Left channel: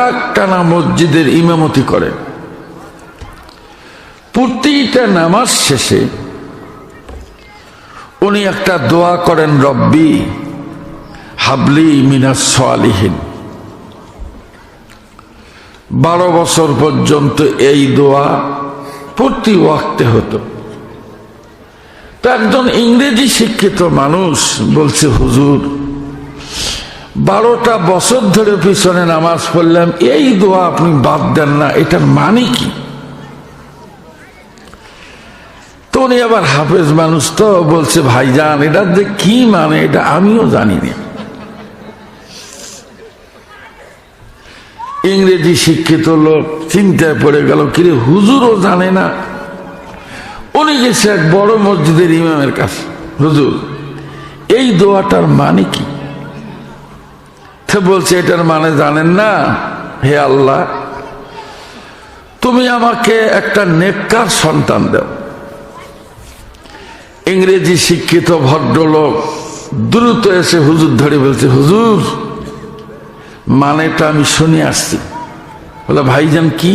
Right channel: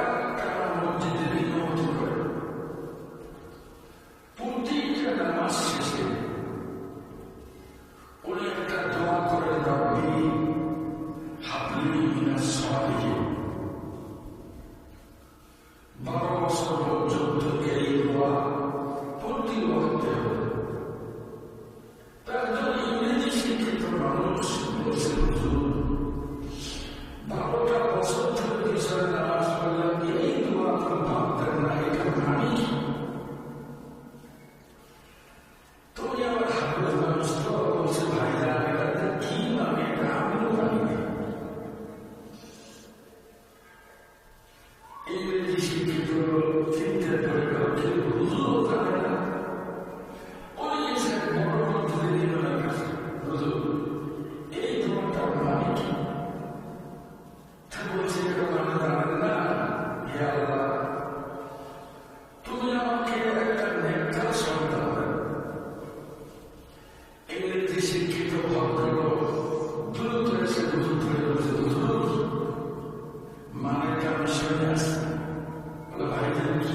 একটানা মসজিদের ইমামতি করেন। প্রতিটা নামাজ শেষে উনি একটা দোয়া করেন, রব্বি হাবলি মিনাস সালিহিন। 12 বছর পর্যন্ত এই দোয়া প্রতি ওয়াক্তে হতো। তো একজন ইংরেজি শিক্ষিত মানুষ বলছে, হুজুর 12টা বছর ধরে পিছনে নামাজ পড়লাম, এই দোয়া আপনি বাদ দেন না, এটার মানে কি? তো উনি আবার হাফেজ মানুষ, তো বলছে, ভাইজান এটার যে কি মানে এটা আমিও জানি না। ইংরেজি শিক্ষিত লোক চিন্তায় পড়ে গেল, কিরে হুজুরও জানে না। উনি গেছে এক বড় মসজিদের ইমামের কাছে, হুজুর এই দোয়াটার মানে কি? তো বলছে, এটার মানে জানেন না? হে আল্লাহ, তুমি আমাকে একটা নেককার সন্তান দাও। ইংরেজি শিক্ষিত ভদ্রলোক দ্রুত এসে হুজুর ধরে বলছে, হুজুর মানেটা আমি শুনে আসছি। বলে, ভাইজান কি?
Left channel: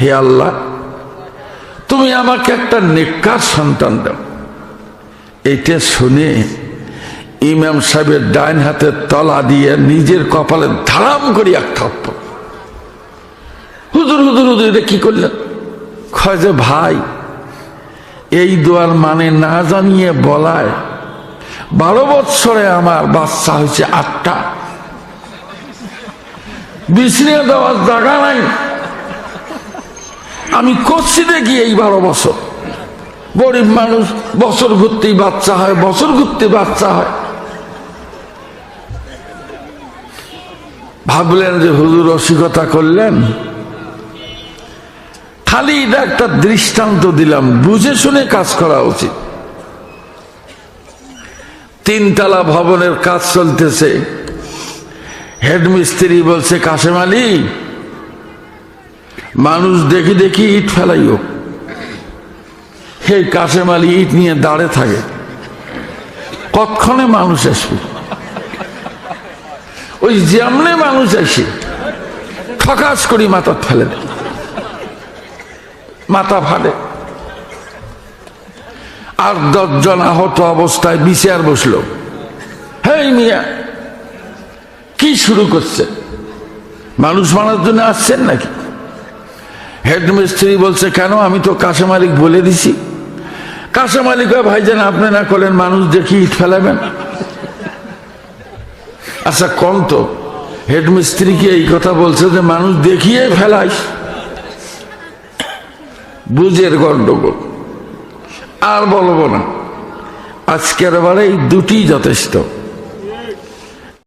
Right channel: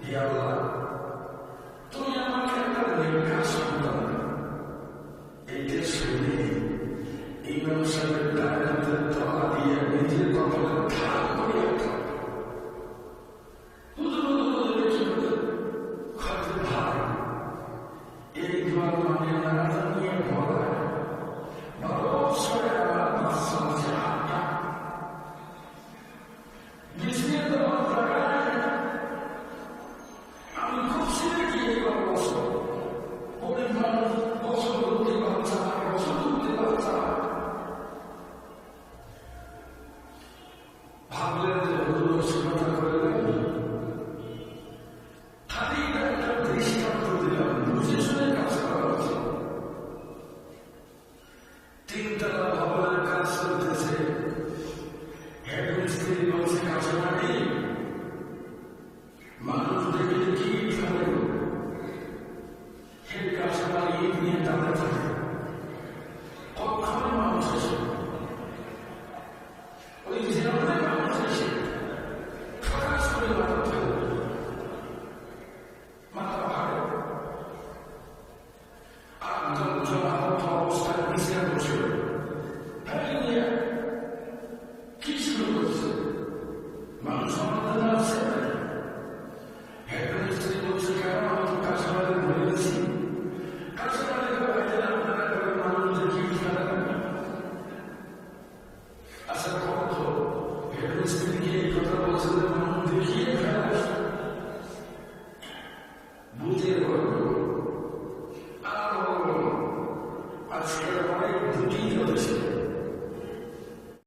হে আল্লাহ, তুমি আমাকে একটা নেককার সন্তান দাও। এটা শুনে ইমাম সাহেবের ডাইন হাতের তলা দিয়ে নিজের কপালে ধারাম করি এক থাপ্পড়। হুজুর হুজুর হুজুর এটা কি করলেন? কয় যে, ভাই এই দোয়ার মানে না জানিয়ে বলায় 12 বৎসরে আমার বাচ্চা হয়েছে 8টা। বিছরিয়ে দেওয়ার জায়গা নাই। আমি করছি দেখি এই 12 বছর। গরিব মানুষ বছর ঘুরতেই বাচ্চা হয়, বছর ঘুরতে বাচ্চা হয়। ভাবলেন যে হুজুর রসিকতা করলেন, খালি এটা একটা দৃষ্টান্ত দিলাম, বুঝে শুনে কাজ করা উচিত। 3 তলা ভবনের কাজ চলতেছে। হেডমিস্ত্রি বলছে, কাশেম আলী মানুষ দেখি দেখি ইট ফেলাইও। সেই কাশেম আলী ইট নিয়ে দাঁড়ে থাকে, কতক্ষণে মানুষ আসবে। ওই যেমনে মানুষ আসে ঠকাস করি মাথা ফেলে, মাথা ফাটে। আর 10 জন আহত অবস্থায় বিচার বসলো। হেই মিয়া, কি শুরু করছে? মানুষ মারার জন্য আসছেন নাকি? হেডমিস্ত্রি বলছে, কেন? আমি তো কাশেম আলী বলে দিছি। কাশেম আলী কয়, ভাইজান আপনি না করলেন মানুষ দেখি ইট ফেলাবেন? আচ্ছা কোন তো হেডমিস্ত্রিকে এই কথা বলছে যে মানুষ দেখিয়ে ফেলাইস? বুঝের গন্ডগোল। আর বলবো না, আজকের বারে এই 2টি যথেষ্ট।